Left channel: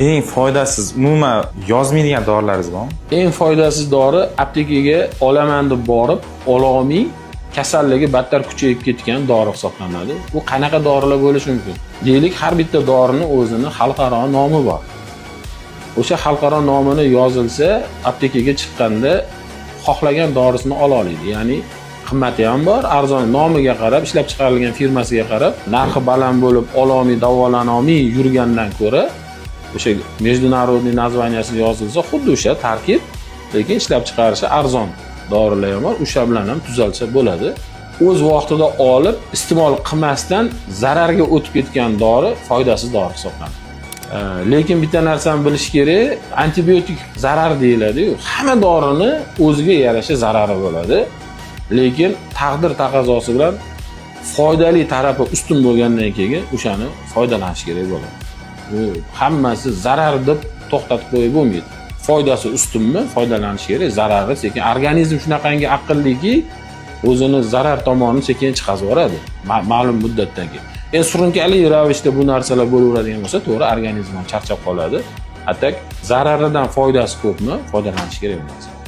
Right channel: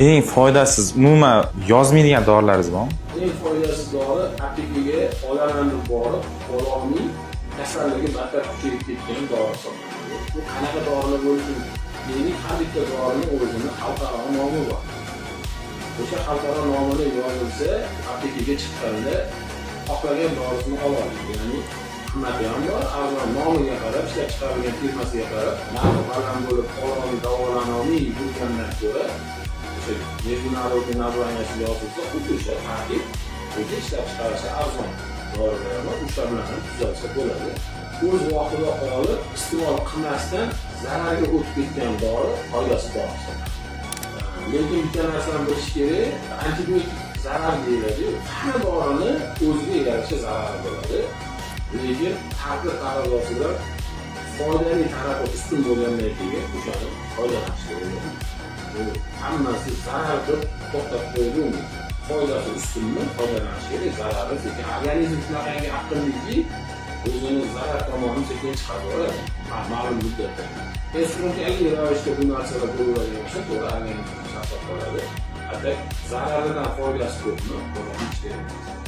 Eng foydasiz, umuman yozmaydigan dorilaringiz bormi? Eng foydasiz dori aptekaga olaman deb borib, ololmay kasalligi battar kuchayib ketgan dori hisoblanadi. Bu qanaqa dorilar bo'lishi mumkin? Deylik, har bitta dorining o'zini xalqaro nomi bor. O'sha xalqaro nomini yozilsa, aptekaga chiqqanda xohlagan dorisini ola oladi. Ya'ni qimmati ham bor, arzon, nomiga qarab, ishlab chiqarilgan firmasiga qarab, narxi baland bo'lib, ololmay, davolana olmay yurgandan ko'ra, o'sha международный naзванияsi yozilsa, xuddi o'sha tarkib, lekin ishlab chiqarishi arzon dorilar ham bor, o'sha bilan ham tuzalsa bo'ladi. O'z vaqtida olib, iste'mol qilmasdan zararga o'tib ketgan dori foydasiz dori hisoblanadi. Lekin bitta narsani bilish kerak, antibiotik zarar deyiladi-yu, hamma dorini o'ziga yarasha zarari bo'ladi. Lekin taqdir taqozosi bilan foydali tarafi ustun bo'lgandan keyin o'shani foydalanish kerak bo'ladi. Bu hammasi zarar deb to'xtatib qo'yib bo'lmaydi. Foydasi ustunmi, foydalanish kerak. Zarari sekin, organizm shunaqangi aqlliki, o'zini zarar tomonini sekin chiqazib yuboradi ma'lum muddatdan keyin. Endi surunkali ravishda bu narsalar bo'laveradigan bo'lsa, to'g'ri organizm charchab qoladi. Hatto zararidan foydasi ko'pmi, foydalanish kerak bo'ladi.